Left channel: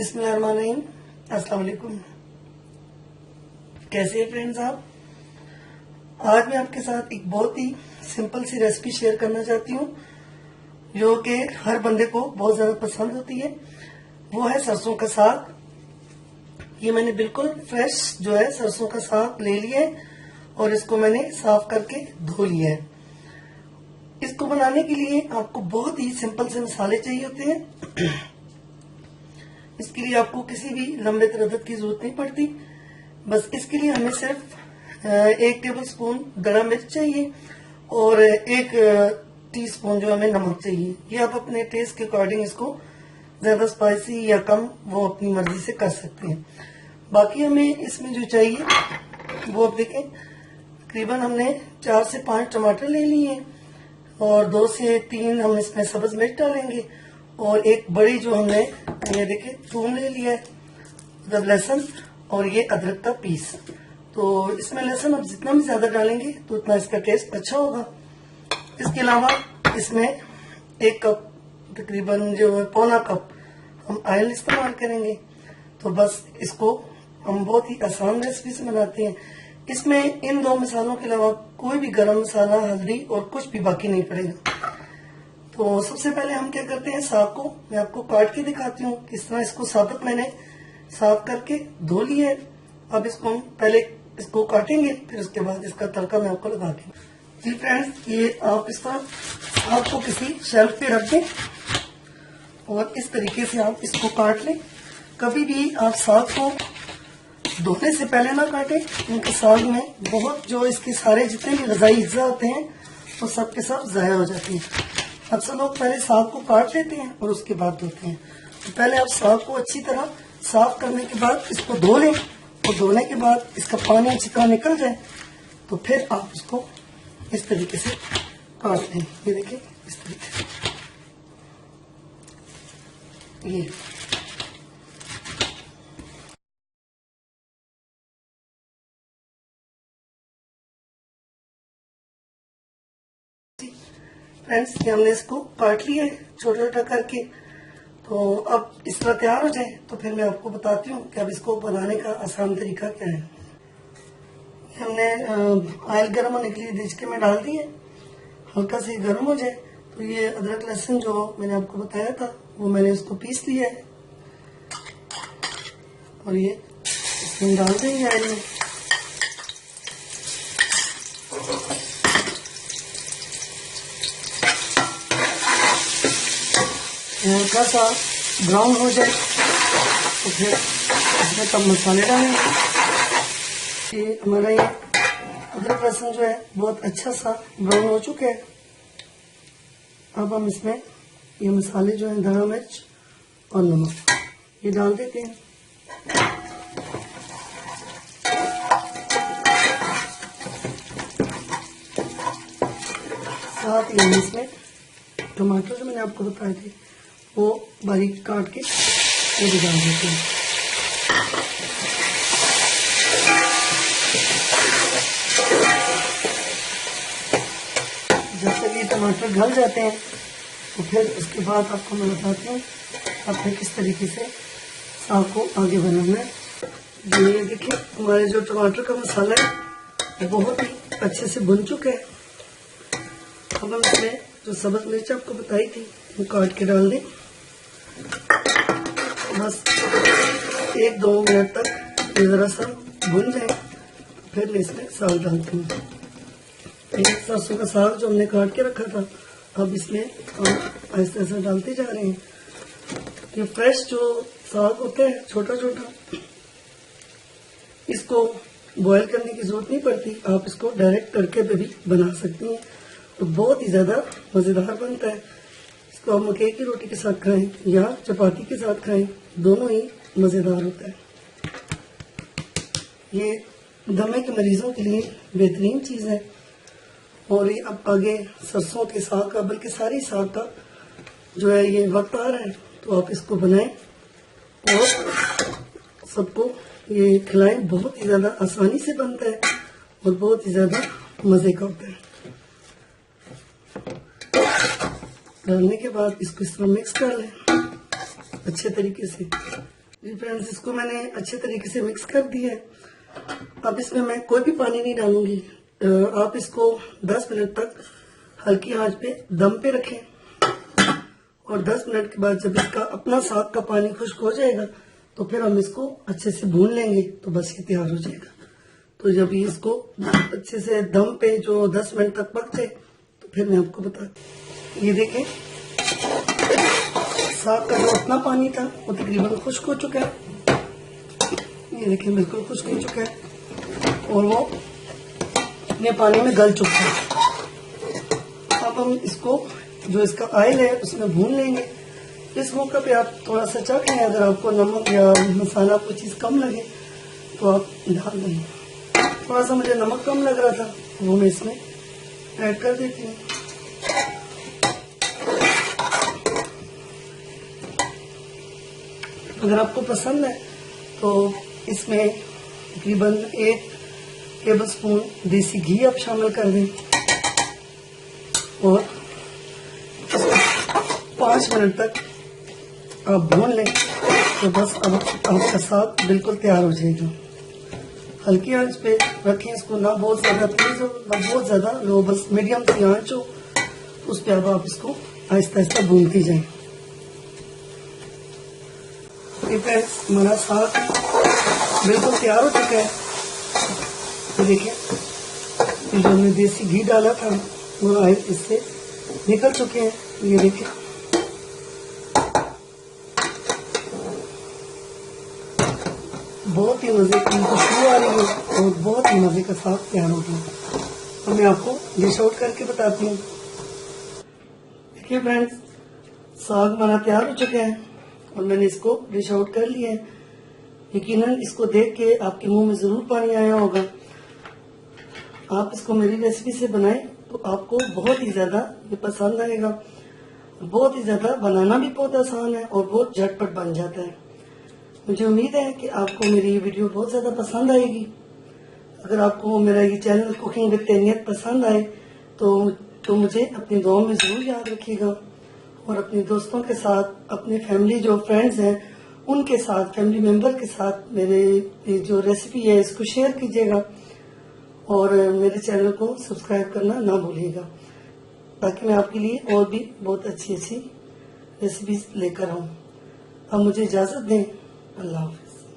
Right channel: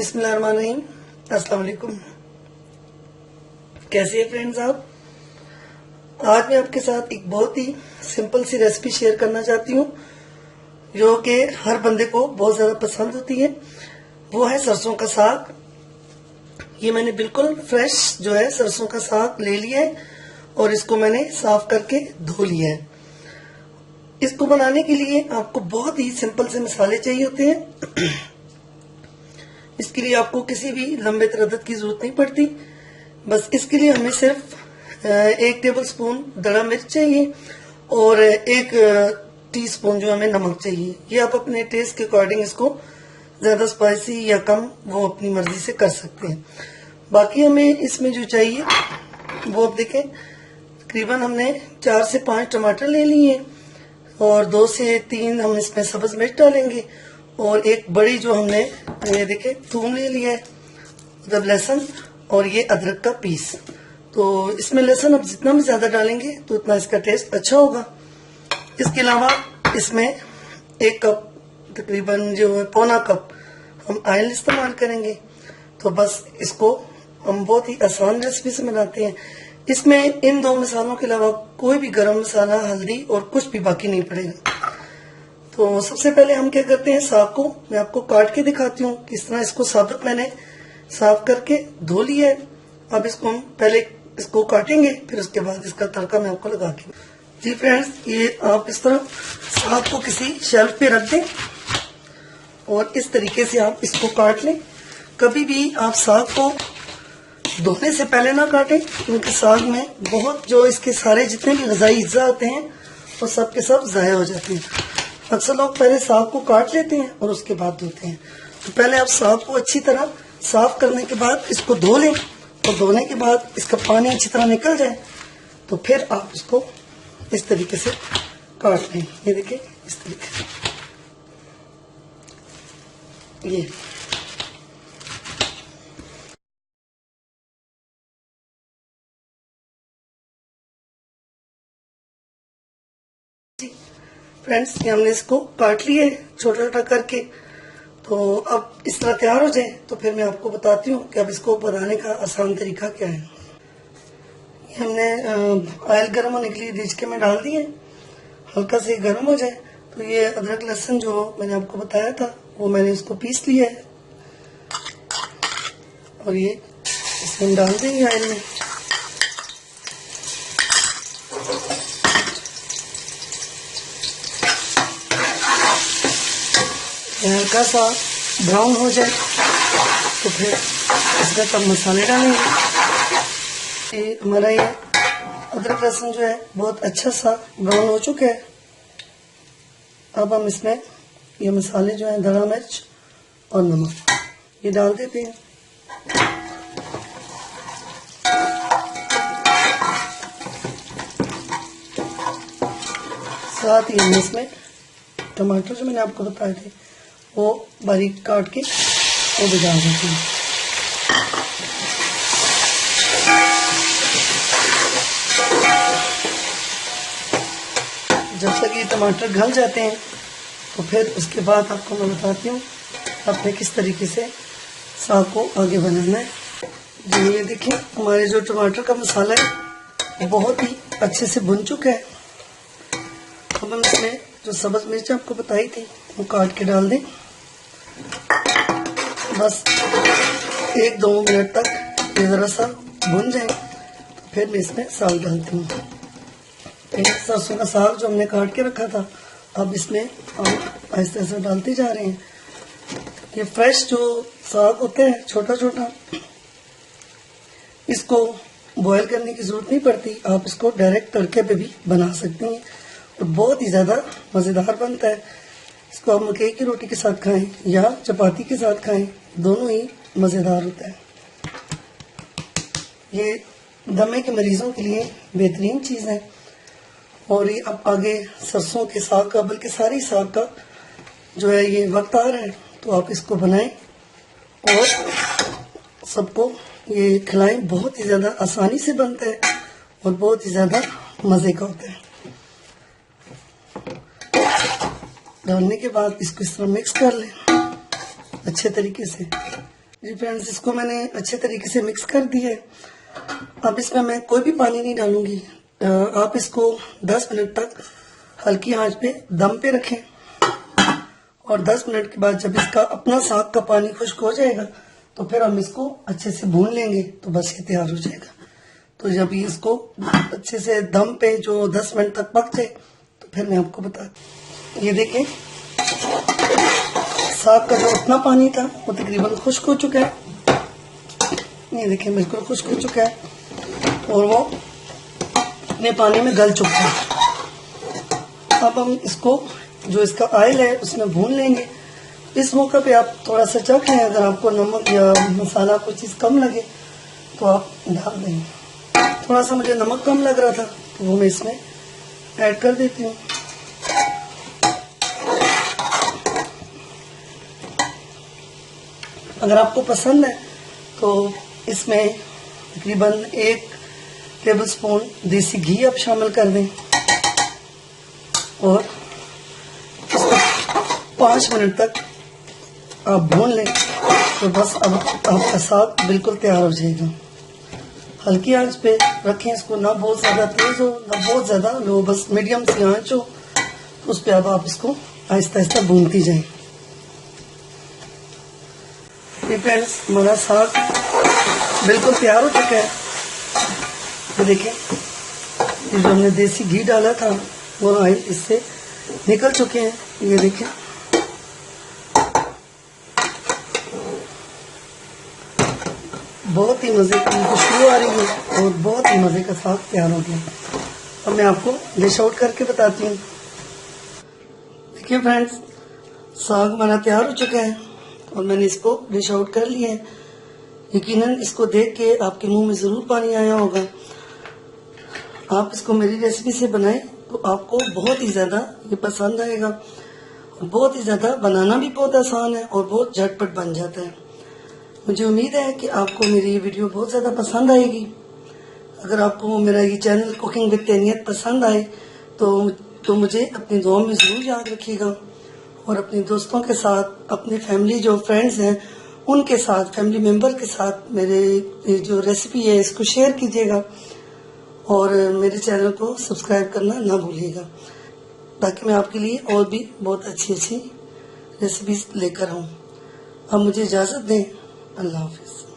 बिस्मिल्लाहिर्रहमानिर्रहीम। अस्सलाम वालेकुम। कैसे हैं फ्रेंड्स आप? आज मैं आपके साथ एक बहुत ही सिंपल सी रेसिपी शेयर करना चाहती हूँ जो कि हर बंदे को बहुत ज्यादा पसंद होती है। वो है सरसों का साग। ये मैंने बिल्कुल फ्रेश जो है सरसों का साग ले लिया है और इसको मैंने साफ करके धो लिया है। इसको बनाने के लिए आपको बहुत ही सिंपल से मसाले चाहिए होते हैं। इसके लिए आपको किसी भी लंबे तरदद की जरूरत नहीं पड़ती। बस इसके लिए हमें सिर्फ 1 टेबल स्पून दड़ा मिर्च चाहिए और 1 टीस्पून जो हमें नमक चाहिए। ये आप अपने टेस्ट के अकॉर्डिंग इसको ज्यादा स्पाइसी या कम वो अपनी मर्जी से कर सकते हैं। बाकी हमें इसमें जो चाहिए वो आप देखें, तकरीबन हमने 4 से 5 टमाटर ले लिए और 2 से 3 हम इसमें सब्ज मिर्च डालेंगे और एक बड़ी जो हमने ये देखे थूम ले लिया है, मतलब लहसुन, और ये अदरक का पीस। तो इसमें लहसुन अब जितना भी ज्यादा डालेंगे तो उतना इसका टेस्ट अच्छा होगा। इसके अलावा इसमें 1 कप तकरीबन जो है पौना कप हम ऑयल इस्तेमाल करेंगे। तो बस इसको हम बहुत ही आसान रेसिपी से बनाते हैं। इसमें इन 2 मसालों के अलावा कोई भी गरम मसाला, हल्दी और कुछ भी बाकी नहीं पड़ेगा। तो सबसे पहले हम क्या करते हैं, साग को मैं आपको काट के दिखाती हूँ। किस तरह इसको साबुत मैंने साफ करके धो लिया है। अब इसको हम पहले इसको काटेंगे, फिर उसके बाद इसका तड़का मैं आपको लगा के। जी फ्रेंड्स, ये आप इस तरह साग को किसी शेल्फ पे रख दें और इस तरीके से आप इसको काट लें। कभी भी आप साग को धोने से पहले ना काटें, क्योंकि साग में बहुत जो इसके सारे जितने भी ग़िज़ाई अज्जा होते हैं वो सब के सब ज़ाया हो जाते हैं। अक्सर लोग पहले साग को काट लेते हैं और उसके बाद धोते हैं। तो पहले आप साग को अच्छी तरह साफ करने के बाद इसको धो लें और धोने के बाद इसका पानी अच्छी तरह निकल जाए तो फिर आप इसको इस तरीके से काट लें। ये देखिए इस तरीके से ये फ्रेंड्स, ये हमने इसको काट लिया है छोटा छोटा करके। तो अब इस तरह तैयार हो जाए तो फिर मैं आपको बताती हूँ कि अब इसको बनाने का आसान तरीका क्या है। ये हमने ऑयल गर्म होने के लिए रिझके में डाल दिए, हल्का से गर्म हो जाए तो ये अदरक लहसुन जो मैंने आपको बताया था वो मैंने इसको पीस लिया है और ये इसमें हम डाल देंगे ऑयल में। हल्का सा ब्राउन हो जाए तो फिर इसमें तब मसाले डालेंगे। ये हमारा ये अदरक लहसुन जो है बहुत अच्छा सा ब्राउन हो चुका है। अब हम इसमें ये मसाले जो है धड़ा मिर्च और नमक ये डाल देते हैं। साथ ही हम इसमें टमाटर जो मैंने आपको बताए थे वो बारीक काट के वो भी डाल देते हैं। जब तक ये टमाटर गल जाते हैं तो फिर उसके बाद आपको मैं बताती हूँ आपने किस तरीके से साग को आगे बनाना है। जो ये देखिए हमारे जो टमाटर का मसाला है वो बहुत ही अच्छे से भुन चुका है। अब हम इसमें जो सब्ज मिर्च आपको बताई थी वो काट के डाल दें। बस 1-2 मिनट तक ये जरा सा भुन जाए फिर मैं इसमें साग डालती हूँ। सरसों का साग जो हमने काट के रखा था अब इसमें आप ऐसे ऐसे डालते जा रहे हैं। ये फ्रेश जो साग होते हैं छोटा छोटा, इसको बॉयल करने की जरूरत नहीं पड़ती। आप इसको डायरेक्ट तड़के पे भी बना सकते हैं तो बहुत ही ज्यादा मजेदार बनता है। इसको आप मकई की रोटी के साथ खाएं या चपाती के साथ खाएं, दोनों ही मजेदार होता है। ये दमे के मरीजों के लिए बेहतरीन चीज है। और ये अब आगे सरसों के साग का, बल्कि सारी साग का जो है ये वक्त आ रहा है तो आप इसको बनाएं और सबको ये खिलाएं। बहुत ही ज्यादा आसानी से बनता है और बहुत ही ज्यादा मजे का होता है। डालने के बाद इसको इस तरह मिक्स कर लें अच्छे तरीके से। जी फ्रेंड्स, इसको मैंने अच्छे तरीके से मिक्स कर दिया है। अब इसमें मैं कोई भी पानी नहीं डालूंगी। आप इसको 10 मिनट तक हल्की आंच पे दम पे रखें और 10 मिनट के बाद जब इसका अपना साग का पानी खुश्क हो जाएगा तो फिर हम इसको अच्छे से भून लेंगे, तो बस ये तैयार हो जाएगा। तो जब ये इसको अच्छे से दम पे जो 10 मिनट तक पक जाए तो फिर मैं आपको बताती। ये देखें, साग का जो अपना पानी था वो तकरीबन खुश्क हो चुका है। ये देखें, बिल्कुल खुश्क हो चुका है और वो अपने पानी में गल चुका है। अब हम इसको जो इसका ऑयल है उसमें भून लेंगे। इस मौके पे आप थोड़ा सा चख लें, अगर आपको नमक या मसाला कोई चीज़ कम लगे तो आप डाल देंगे। थोड़ा सा मुझे नमक कम लग रहा था तो वो मैं इसमें ऐड कर देती हूँ। अगर आपको पसंद है तो इसमें तकरीबन 1 टेबलस्पून देसी घी आप शामिल कर दें और 5 मिनट तक आप भून लें तो बस अब आपका साग बिल्कुल तैयार हो जाएगा। हल्की आंच पे रखें इसको, ना बहुत ज़्यादा तेज हो ना बहुत ज़्यादा लो, बस मीडियम सी आंच हो। उस पर अब आप इसको आहिस्ता आहिस्ता भूनती जाएं। ये फ्रेंड्स, हमारा साग बिल्कुल तैयार हो चुका है। तो देखिए, जो हमने देसी घी डाला था वो इससे निकल चुके हैं। ये देखिए, बहुत ही मजे की खुशबू आ रही है और बहुत ही मजे का साग तैयार हो गया। अब मैं आपको डिश आउट करके बताती हूँ। देखिए फ्रेंड्स, साग हमारा तैयार हो चुका है और मैंने इसको डिश आउट कर लिया है। यकीनन इसको देख के आपके मुंह में जरूर पानी आया होगा। आप इसको मेरी रेसिपी से बनाएं तो आपको बहुत ही ज्यादा ये पसंद आएगा। बहुत ही ज्यादा बनाना भी बहुत आसान है और बहुत झटपट बन जाता है। मुझे उम्मीद है कि आपको मेरी ये वीडियो बहुत ज़्यादा पसंद आएगी। अगर आपको मेरा ये चैनल कुकिंग विद तैनियत पसंद आए तो मुझे अपनी दुआ में ज़रूर याद रखिएगा और अपने दोस्तों के साथ, अपने फैमिली जो फ्रेंड्स हैं उनके साथ, फैमिली मेम्बर के साथ मेरे जो रेसिपी है इसको शेयर कीजिएगा और मेरे चैनल को सब्सक्राइब करना ना भूलिएगा, ताकि मैं आपके लिए और भी बहुत अच्छी अच्छी रेसिपीज लेकर आऊँ। अब मुझे इजाज़त दें। अल्लाह हाफिज़।